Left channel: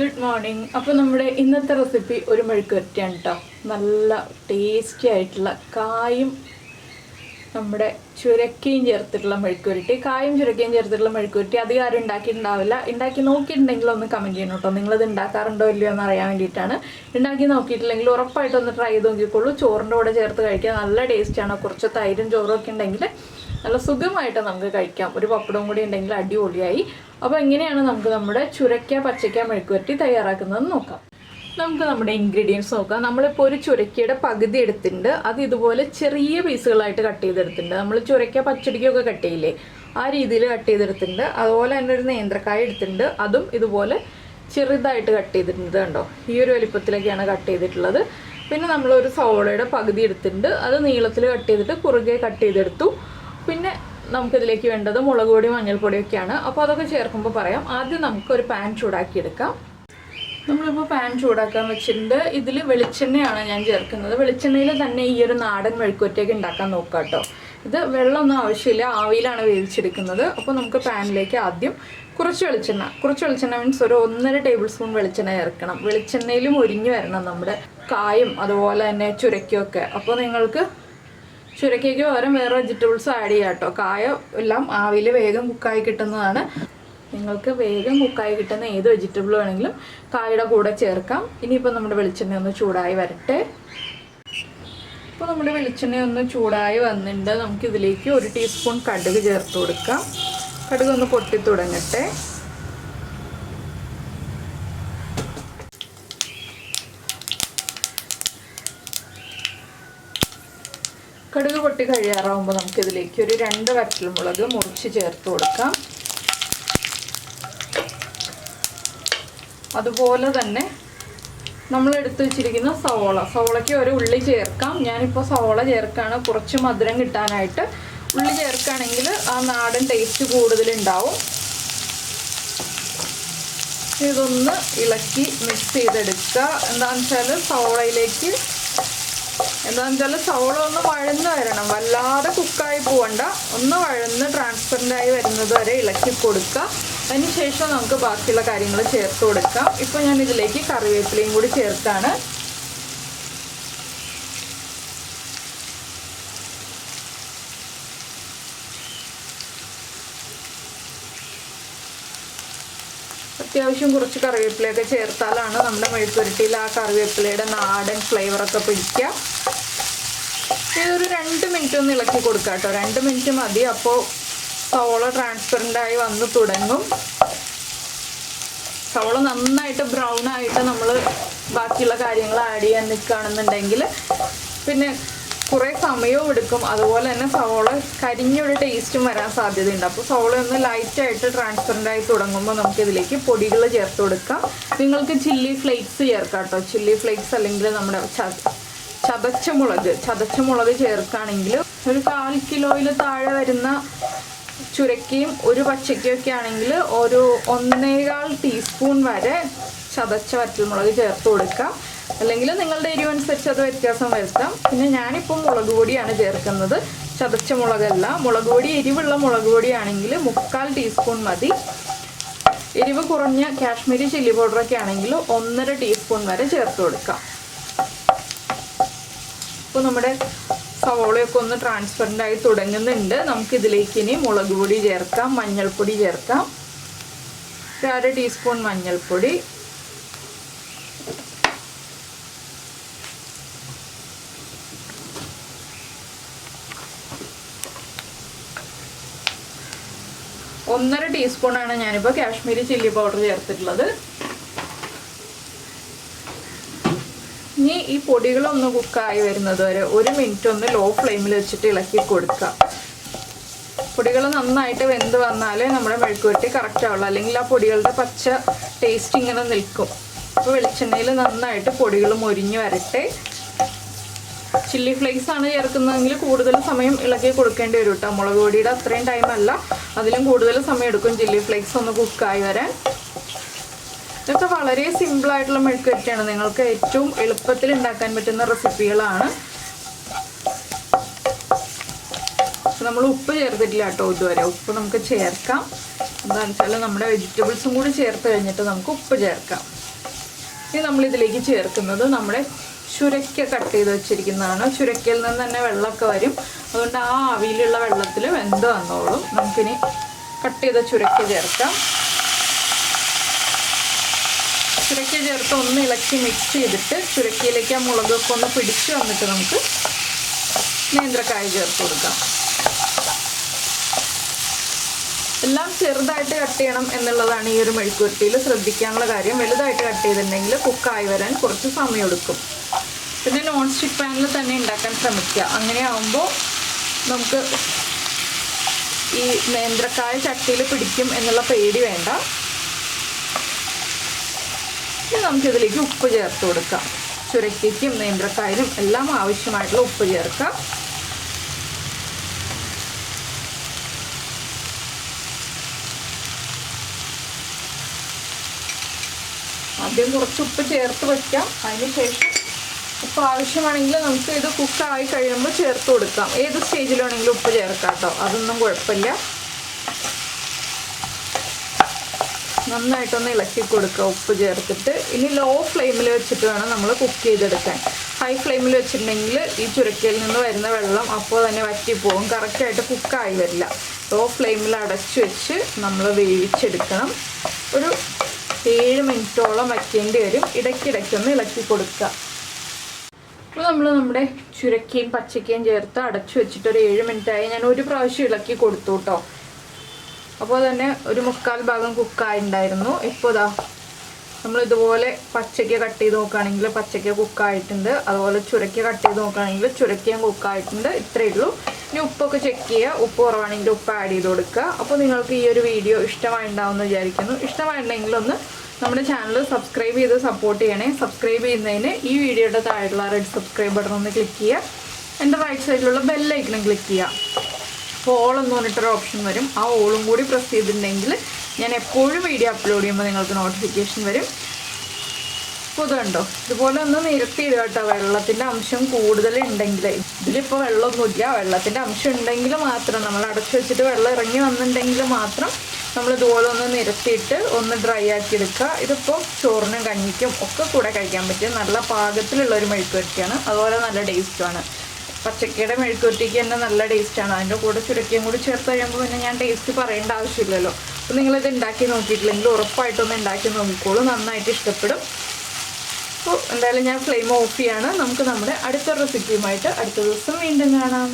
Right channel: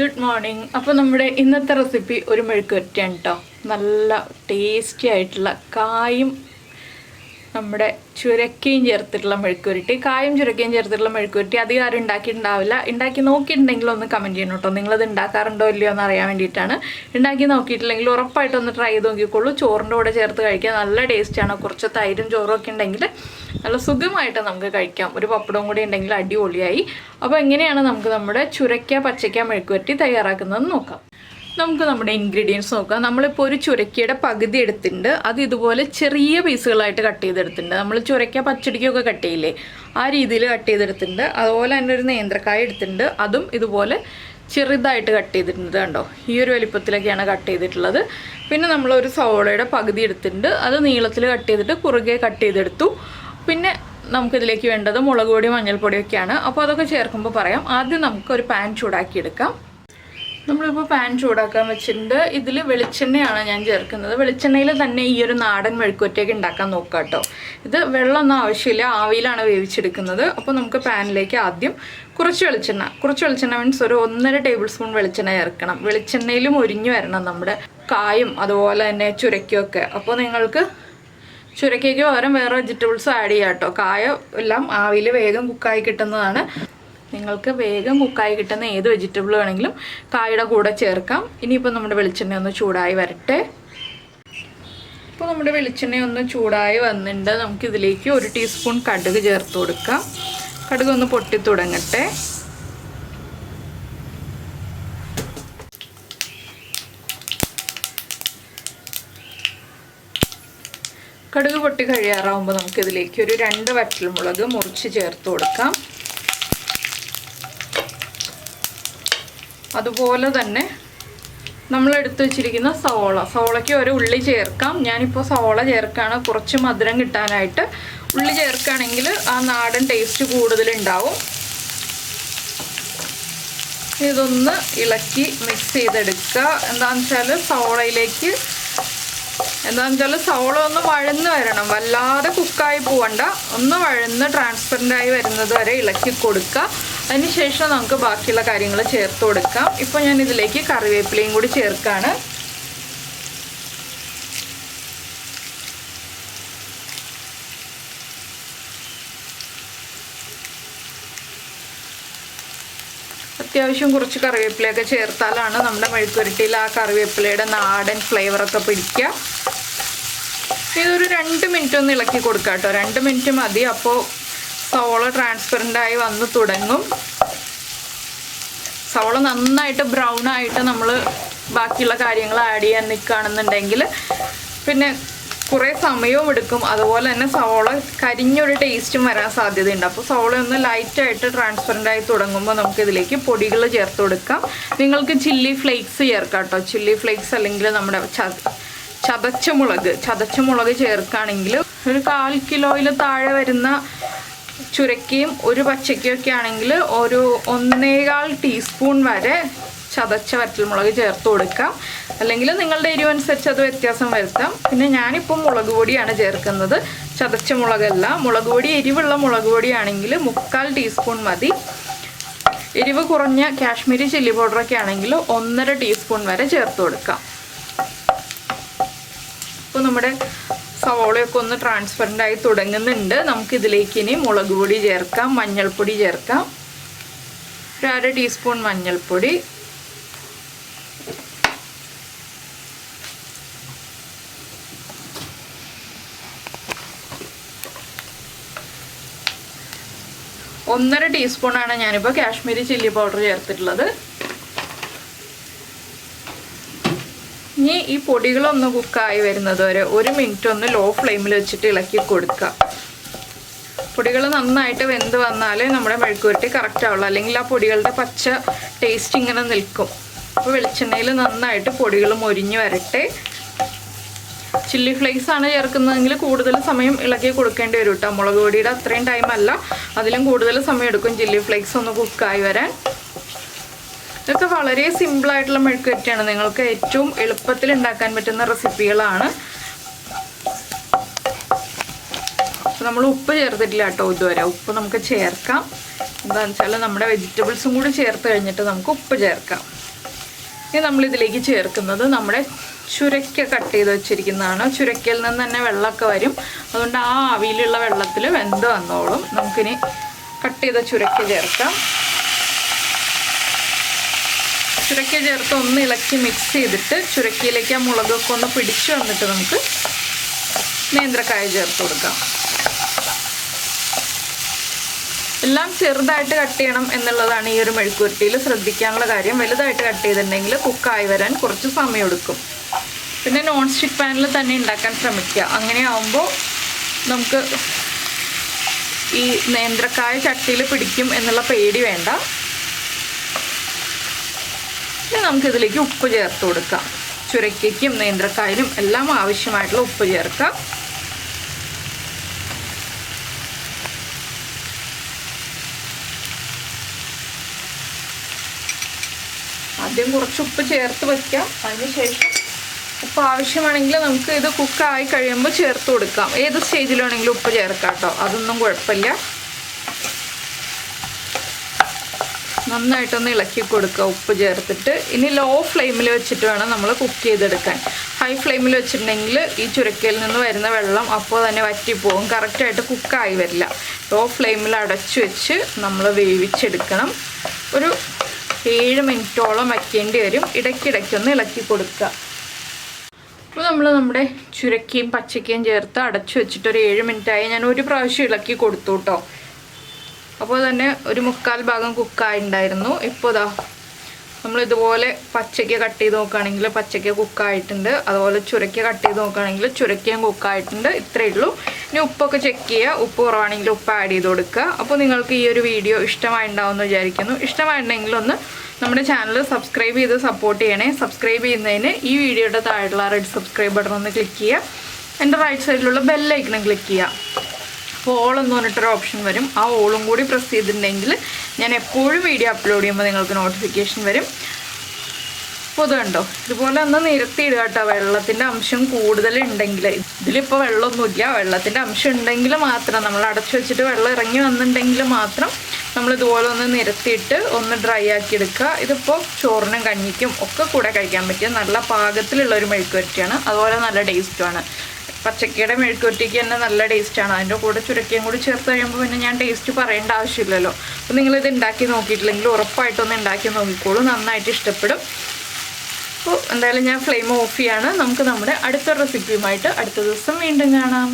Good morning. അപ്പോൾ നമ്മുടെ ഇന്നത്തെ റെസിപ്പി ഒരു മെഴുക്കുവരട്ടിയാണ് കേട്ടോ. നല്ല ടേസ്റ്റി ആയിട്ടുള്ള കായും നമ്മുടെ ചുരക്കയും ചേർത്തിട്ടുള്ള മെഴുക്കുവരട്ടി. കായും ചുരക്കയും ചേർത്തിട്ടുള്ള മെഴുക്കുവരട്ടി അധികം ആരും ഉണ്ടാക്കിയിട്ടുണ്ടാവില്ല. ഉണ്ടാക്കി നോക്കിയിട്ടുണ്ടെങ്കിൽ ഒന്ന് കമൻറ്റ് ചെയ്യണം കേട്ടോ. നിങ്ങളത് ഉണ്ടാക്കാറുണ്ടോ ഇല്ലയോ എന്ന് അറിയാൻ വേണ്ടിയിട്ടാണ്. ഉണ്ടാക്കി നോക്കിയിട്ടില്ലെങ്കിൽ ഉറപ്പായിട്ടൊന്ന് ട്രൈ ചെയ്ത് നോക്കിക്കോളൂ. ചോറിൻ്റെ കൂടെ ചേർത്ത് കഴിക്കാൻ നല്ല ടേസ്റ്റാണ്. കുറച്ച് തൈരും ചോറും ഒക്കെ ഉണ്ടെങ്കിൽ നല്ല സുഖമായിട്ട് നമുക്ക് കഴിക്കാം. ഒരു പപ്പടവും കൂടി ഉണ്ടെങ്കിൽ അടിപൊളിയായി. അപ്പോൾ എങ്ങനെയാണ് നമുക്ക് നമ്മുടെ ചുരക്ക പച്ചക്ക മെഴുക്കുവരട്ടി തയ്യാറാക്കുന്നതെന്ന് നോക്കാം. നമുക്ക് നമ്മുടെ ഇൻഗ്രീഡിയൻസ് നോക്കാം. നമ്മളിപ്പോൾ ഒരു ചുരക്കയുടെ പകുതി എടുത്തിട്ടുണ്ട്. അത് ഇതുപോലെ ചെറിയ പീസുകളായിട്ട് കട്ട് ചെയ്തെടുത്തിട്ടുണ്ട്. നമ്മൾ ചുരക്ക പച്ചടിക്കൊക്കെ കട്ട് ചെയ്യില്ലേ, ആ രീതിയിൽ കട്ട് ചെയ്തെടുത്തിട്ടുണ്ട്. അതുപോലെ തന്നെ ഒരു നേന്ത്രക്കായ എടുത്തിട്ടുണ്ട്. അതും ഇതുപോലെ ചെറുതായിട്ട് കട്ട് ചെയ്തിട്ടുണ്ട്. കണ്ടോ, ഈ ഒരു വലിപ്പത്തിലൊക്കെയാണ് കട്ട് ചെയ്തിട്ടുള്ളത്. പിന്നെ നമ്മളൊരു സവോളയുടെ പകുതി എടുത്തിട്ടുണ്ട്. അത് നീളത്തിൽ കട്ട് ചെയ്തിട്ട് കുറുകെ കട്ട് ചെയ്തെടുത്തു. പിന്നെ നമുക്കിതിലേക്ക് വേണ്ടത് മുളക് പൊടി മഞ്ഞൾപ്പൊടിയൊക്കെയാണ്. അപ്പോൾ അതൊക്കെ ചേർക്കുമ്പോൾ പറയാം. ആദ്യം നമുക്കൊരു പാൻ ചൂടാക്കിയെടുക്കാം. നമ്മളിപ്പോൾ പാൻ ചൂടാക്കാൻ വെച്ചിട്ടുണ്ട്. ഇതിൽ വെളിച്ചെണ്ണയാണ് ഞാൻ ചേർക്കുന്നത്. വെളിച്ചെണ്ണയിൽ തന്നെ ഈ ഒരു നാടൻ മെഴുക്കുവരട്ടിയൊക്കെ ഉണ്ടാക്കാൻ നോക്കാം കേട്ടോ. ഇത് വെള്ളമൊന്നും ആവശ്യമില്ല, ആവിയിലാണ് വേവിച്ചെടുക്കുന്നത്. അപ്പോൾ നമുക്ക് പാനിലേക്ക് ആദ്യം കുറച്ച് വെളിച്ചെണ്ണ മീൻസ് ഒരു 1.5 ടേബിൾ സ്പൂൺ വെളിച്ചെണ്ണ ചേർക്കണം. വെളിച്ചെണ്ണയിലും ഒരിഞ്ഞു വരണം നമ്മുടെ കായും അതുപോലെ തന്നെ ചുരക്കൊക്കെ. അപ്പോൾ നിങ്ങൾക്ക് ചുരക്കയ്ക്ക് പകരം വേറെ വെജിറ്റബിൾസ് ആഡ് ചെയ്യാം കേട്ടോ. കായ എല്ലാം ആവിയിൽ വേഗം കുക്കായി കിട്ടുന്നതാണ്. നിങ്ങൾക്ക് വേഗം കുക്കായി കിട്ടുന്ന ഏത് വെജിറ്റബിൾ വേണമെങ്കിലും കായുടെ കൂടെ ചേർക്കാം. ഇനിയിപ്പോൾ നമ്മുടെ വെളിച്ചെണ്ണ ഒന്ന് ചൂടായി വരട്ടെ. ഇപ്പോൾ നമ്മുടെ വെളിച്ചെണ്ണ ഒന്ന് ചൂടായി വന്നിട്ടുണ്ട്. നമുക്കിതിലേക്ക് 1 ടീസ്പൂൺ കടുക് ചേർത്ത് കൊടുക്കാം. കടുക് ഒന്ന് പൊട്ടി തുടങ്ങട്ടെ. കടുക് പൊട്ടി കഴിയാറാവുമ്പോൾ നമുക്കിതിലേക്ക് ഒരു 2 വറ്റൽമുളക് മുറിച്ച് ചേർത്ത് കൊടുക്കാം. അതുപോലെ തന്നെ നമ്മൾ എടുത്തു വെച്ചിരിക്കുന്ന സവോളയ്ക്ക് ഒരു ഉള്ളി ചേർക്കാം. ഞാനിപ്പോൾ സവോള ചേർക്കുകയാണ് കുറച്ച് മധുരം കിട്ടാനായിട്ട്. ഉള്ളി ചേർക്കുകയാണെങ്കിൽ ആ നാടൻ ടേസ്റ്റ് കൂടുതലുണ്ടാവും. ഇതൊന്ന് ഇളക്കി മിക്സ് ചെയ്തെടുക്കുക. എന്താണെന്ന് വെച്ചാൽ സവോള ഒന്ന് വഴന്ന് വരണം, വല്ലാതെ കുക്കായി പോവണ്ട. ഒന്ന് വഴന്ന് ട്രാൻസ്പെറൻ്റായി വരുന്നത് വരെ ഇളക്കി കൊടുക്കുക. അതിനുശേഷം നമുക്ക് ബാക്കിയുള്ള കാര്യങ്ങൾ ചേർത്ത് കൊടുക്കാം. ഇപ്പോൾ ഞാൻ ഇതിലേക്ക് കറിവേപ്പിലയും കൂടി ചേർക്കുകയാണ്. അത്യാവശ്യം കുറച്ച് കറിവേപ്പിലയൊക്കെ ചേർത്താലാണ് നമ്മുടെ മെഴുക്കുവരട്ടിയിൽ ആ കറിവേപ്പിലയുടെ നാടൻ ഫ്ലേവറൊക്കെ പിടിക്കുക. ഇതൊരു 2 മിനിറ്റ് ഒന്ന് ഇളക്കി കൊടുക്കാം കേട്ടോ. 2 മിനിറ്റ് മതി. അപ്പോൾ സവോള ട്രാൻസ്പെറൻ്റായി വന്ന് തുടങ്ങും. സവോള നന്നായിട്ട് ബ്രൗൺ ആയിട്ട് നമ്മൾ ബാക്കിയുള്ള കാര്യങ്ങൾ ആഡ് ചെയ്യാൻ നിൽക്കുകയാണെന്നുണ്ടെങ്കിൽ പിന്നെ കുറേ സമയവും എടുക്കും. അതുപോലെ തന്നെ സവോള കരിഞ്ഞൊരു ടേസ്റ്റും വരാൻ സാധ്യതയുണ്ട്. അപ്പോൾ സവോള ഒന്ന് ലൈറ്റായിട്ട് ട്രാൻസ്പെറൻ്റായി തുടങ്ങുമ്പോൾ നമുക്കിതിലേക്ക് പൊടികൾ ചേർത്ത് കൊടുക്കാം. നിങ്ങൾക്ക് ചില്ലി ഫ്ലേക്സ് ചേർക്കാം കേട്ടോ. ചില്ലി ഫ്ലേക്സ് അല്ലെങ്കിൽ നമ്മുടെ ചതച്ച മുളക് ചേർക്കുകയാണെങ്കിൽ ഒരു 1/4 കിലോയിൽ താഴെ വരുന്ന ചുരക്കയും ഒരു പച്ചക്കയൊക്കെ ആണെങ്കിൽ ഒരു 1.25 ടീസ്പൂൺ വരെ ചതച്ച വറ്റൽമുളക് ചേർത്ത് കൊടുക്കാം. അല്ലെങ്കിൽ നിങ്ങളുടെ എരിവനുസരിച്ച് അത് വ്യത്യാസം വരുത്താം. പിന്നെ ഞാനിപ്പോൾ മുളക് പൊടിയാണ് ചേർക്കുന്നത്, ചതച്ച മുളകല്ല. മുളക് പൊടി എരിവുള്ള മുളക് പൊടിയാണെങ്കിൽ 3/4 ടീസ്പൂൺ മതി. എരിവ് കുറഞ്ഞ കാശ്മീരി ചില്ലി പൗഡറൊക്കെ ആണെങ്കിൽ 1.5 ടീസ്പൂൺ വരെ ചേർത്ത് കൊടുക്കാം. അപ്പോൾ നമ്മുടെ സവോളയൊക്കെ ഒന്ന് ട്രാൻസ്പെറൻ്റായി തുടങ്ങുന്നുണ്ട്. നമുക്കിതിലേക്ക് ഇനി മുളക് പൊടി ചേർക്കാം, മഞ്ഞൾപ്പൊടി ചേർക്കാം. ഒരു 1/2 ടീസ്പൂൺ മഞ്ഞൾപ്പൊടി, ഒന്നര ടീസ്പൂണാണ് ഞാനിപ്പോൾ കാശ്മീരി ചില്ലി പൗഡർ ചേർത്തിട്ടുള്ളത്. ഇനി ഈ പൊടികളൊന്ന് കുക്കായി വരുന്നത് വരെ 1 മിനിറ്റ് ഒന്ന് ലോ ഫ്ലെയിമിൽ വെച്ചിട്ട് ഇളക്കി കൊടുക്കുക. പൊടികൾ നന്നായിട്ട് വെന്ത് വന്നാലേ നമ്മുടെ മെഴുക്കുവരട്ടി കറക്റ്റ് ആവുള്ളൂ. അല്ലെങ്കിൽ ആ പൊടികളുടെ പച്ച ടേസ്റ്റ് ഇങ്ങനെ നിൽക്കും. അപ്പോൾ വെളിച്ചെണ്ണയിൽ നന്നായിട്ട് പൊടികൾ മൊരിഞ്ഞ് വരട്ടെ. ചില്ലി ഫ്ലേക്സ് ആണ് ചേർക്കുന്നതെങ്കിൽ കൂടുതൽ സമയം ഇളക്കി കൊടുക്കേണ്ടി വരും കേട്ടോ. മുളക് പൊടിയുടെ അത്രയും ടൈമല്ല, അതിലും കൂടുതൽ സമയം എടുക്കും ചില്ലി ഫ്ലേക്സ് ഒന്ന് കുക്കായി വരാൻ. ഇതൊക്കെ വളരെ സിമ്പിളായിട്ടുള്ള മെഴുക്കുവരട്ടിയാണ്. നിങ്ങൾക്ക് ഏറ്റവും എളുപ്പത്തിൽ ഉണ്ടാക്കാൻ പറ്റുന്ന റെസിപ്പികളാണ്. നമ്മൾ ഉപ്പ് ചേർത്തിട്ടില്ല കേട്ടോ ഇതുവരെ. ഉപ്പ് നമുക്ക് ചേർക്കാം. എന്താണെന്ന് വെച്ചാൽ നമ്മുടെ വെജിറ്റബിൾസും കൂടി ചേർത്ത് കഴിഞ്ഞിട്ട് നമുക്ക് ഉപ്പ് ചേർക്കാം. ഇനി നമ്മളിതിലേക്ക് ചേർക്കുന്നത് നമ്മുടെ ചുരക്ക കട്ട് ചെയ്ത് വെച്ചിരിക്കുന്നതാണ്. ചുരക്കയിൽ നിന്ന് തന്നെ വെള്ളമൊക്കെ വരും, അതുകൊണ്ട് ആ ആവിയിലുള്ള വെള്ളത്തിൽ വെന്ത് വന്നോളും. നമുക്കിനി കട്ട് ചെയ്ത ചുരക്ക ചേർക്കാം. ചുരക്ക ചേർത്ത് ഒന്ന് ഇളക്കി മിക്സ് ചെയ്തിട്ട് ചുരക്കയിലേക്ക് ആ മുളകൊക്കെ ഒന്ന് പിടിച്ച് വന്നിട്ട് നമുക്ക് നേന്ത്രക്കായ ചേർത്ത് കൊടുക്കാം. എല്ലാം ചെറുതായിട്ട് കട്ട് ചെയ്യണം എന്നുള്ളതാണ് ഈ ഒരു മെഴുക്കുവരട്ടിയിൽ ശ്രദ്ധിക്കാനുള്ള കാര്യം. വലുതായിട്ട് കട്ട് ചെയ്തിട്ടുണ്ടെങ്കിൽ കുക്കായി വരാൻ കുറച്ച് സമയം എടുക്കും. പിന്നെ നോൺ സ്റ്റിക്ക് പാനിൽ തന്നെ ഉണ്ടാക്കാൻ ശ്രമിക്കുക. അങ്ങനെ ആകുമ്പോൾ നമുക്ക് ഈ നേന്ത്രക്കായ ചട്ടിയിൽ പിടിക്കും എന്നുള്ള പേടി വേണ്ട. ഇനി നമുക്കിതിലേക്ക് ഉപ്പ് ചേർത്ത് കൊടുക്കാം. ചുരക്കയ്ക്കും നേന്ത്രക്കായനും എല്ലാം ആവശ്യമായിട്ടുള്ള ഉപ്പ് ചേർക്കാം. ആദ്യം കുറച്ച് ഉപ്പ് ചേർത്ത് വയ്ക്കാം. അതിനുശേഷം ഉപ്പ് ആവശ്യമാണെങ്കിൽ നമുക്ക് ഇത് കുക്കായി കഴിയുമ്പോൾ ചേർത്ത് കൊടുക്കാം. ഏത് സ്റ്റേജിലാണെങ്കിലും ഉപ്പ് ചേർക്കാം കേട്ടോ, അതൊന്നും കുഴപ്പമില്ല. നന്നായിട്ടൊന്ന് ഇളക്കി കൊടുക്കുക ഉപ്പ് ചേർത്തിട്ട്. ഇനി ലോ ഫ്ലെയിമിൽ വെച്ചിട്ട് വേണം നമ്മൾ കുക്ക് ചെയ്തെടുക്കാൻ. ഹൈ ഫ്ലെയിമിൽ വെച്ചിട്ടുണ്ടെങ്കിൽ ഈ ചുരക്കയിൽ നിന്ന് വരുന്ന വെള്ളം അപ്പോൾ തന്നെ വറ്റിപ്പോവും, കറക്റ്റായിട്ട് കുക്കായി വരില്ല. ലോ ഫ്ലെയിമിൽ അടച്ചു വെച്ച് നമ്മൾ വേവിച്ചെടുക്കണം. ഒരു 7 മിനിറ്റോളം വയ്ക്കേണ്ടി വരും. ഇടയ്ക്കിടയ്ക്കൊന്ന് ഇളക്കി കൊടുക്കുക. അപ്പോൾ നമ്മൾ നമ്മുടെ ചുരക്കയും പച്ചക്കയും ചേർത്ത് അടച്ചു വെച്ചിട്ട് ഒരു 7 മിനിറ്റായി. ഞാൻ ഒരു പ്രാവശ്യം ഇളക്കി കൊടുത്തു കേട്ടോ. അപ്പോൾ തന്നെ ഒരു 1/4 ഭാഗം കുക്കായിട്ടുണ്ടായിരുന്നു. ഇപ്പോൾ ഇതാ നമ്മളിതുപോലെ പച്ചക്ക കട്ട് ചെയ്ത് നോക്കുകയാണെങ്കിൽ പച്ചക്ക കുക്കായിട്ടുണ്ട്, അതുപോലെ ചുരക്ക കട്ട് ചെയ്ത് നോക്കുകയാണെങ്കിൽ ചുരക്കയും കുക്കായിട്ടുണ്ട്. ഇത്രയേ ഉള്ളൂ. ഇനി ഉപ്പൊക്കെ ചെക്ക് ചെയ്യുക. ഉപ്പ് കുറവാണെങ്കിൽ ഉപ്പ് ആഡ് ചെയ്ത് കൊടുക്കുക. അപ്പോൾ നിങ്ങൾക്ക് ഈ ഒരു വീഡിയോ ഇഷ്ടമായിട്ടുണ്ടാവുമെന്ന് വിചാരിക്കുന്നു. ഇഷ്ടമായിട്ടുണ്ടെങ്കിൽ ഒന്ന് നമ്മുടെ ചാനൽ സബ്സ്ക്രൈബ് ചെയ്ത് സപ്പോർട്ട് ചെയ്യണേ. സബ്സ്ക്രൈബ് ചെയ്യുന്നതിന് ഈ വീഡിയോയുടെ താഴെയുള്ള റെഡ് സബ്സ്ക്രൈബ് ബട്ടൺ ഒന്ന് ക്ലിക്ക് ചെയ്യുക. എൻ്റെ റൈറ്റ് സൈഡിലുള്ള ബെല്ലൈക്കണം ക്ലിക്ക് ചെയ്യുക. അപ്പോൾ ഓൾ എന്ന് പറഞ്ഞിട്ടൊരു ഓപ്ഷൻ വരും. ആ ഓളും കൂടി പ്രസ് ചെയ്തിട്ടുണ്ടെങ്കിൽ ഞാൻ എപ്പോഴും വീഡിയോ അപ്ലോഡ് ചെയ്യുമ്പോൾ നിങ്ങൾക്ക് നോട്ടിഫിക്കേഷൻ വരും. അപ്പോൾ ഇത് കണ്ടോ, ഇതുപോലെ ഒന്ന് നിരത്തിയിടുക കേട്ടോ. വെള്ളത്തിൻ്റെ അംശം കൂടുതലുണ്ടെങ്കിൽ, ഇതിലിപ്പോൾ വെള്ളമൊന്നുമില്ല, വെള്ളത്തിൻ്റെ അംശം ഉണ്ടെങ്കിൽ മാത്രം, നമ്മൾ അടച്ചു വെച്ചിട്ട് വെള്ളം ഇറങ്ങി വന്നിട്ടുണ്ടെങ്കിൽ മാത്രം നമ്മൾ ഇതുപോലെ ഒന്ന് നിരത്തിയിട്ട് ഒന്ന് ഡ്രൈ ആക്കി എടുക്കുക. ഇതിപ്പോൾ ചോറിനും കഞ്ഞിക്കും ഒക്കെ കൂടെ കഴിക്കാൻ പറ്റിയ നല്ല പാകത്തിലുള്ളൊരു മെഴുക്കുവരട്ടിയാണ്. അതുപോലെ നല്ല ടേസ്റ്റുമാണ്. പച്ചക്കയുടെ മെഴുക്കുവരട്ടിക്ക് തന്നെ നല്ല ടേസ്റ്റാണ്. അതിൻ്റെ കൂടെ ചുരക്കയും കൂടി ചേർത്ത് കഴിയുമ്പോൾ പിന്നെ ഞാൻ ടേസ്റ്റ് പറയേണ്ട ആവശ്യമില്ലല്ലോ. അപ്പോൾ നിങ്ങളിത് ഉണ്ടാക്കി നോക്കിയിട്ടില്ലെങ്കിൽ ഉറപ്പായിട്ടൊന്ന് ഉണ്ടാക്കി നോക്കിക്കോളൂ, നന്നായിട്ട് ഇഷ്ടപ്പെടും. അപ്പോൾ എന്തായാലും ഞാൻ ഫ്ലെയിം ഓഫ് ചെയ്യാണ്. നമുക്ക് നമ്മുടെ അടുത്ത റെസിപ്പിയുമായിട്ട് അടുത്ത ദിവസം വീണ്ടും കാണാം.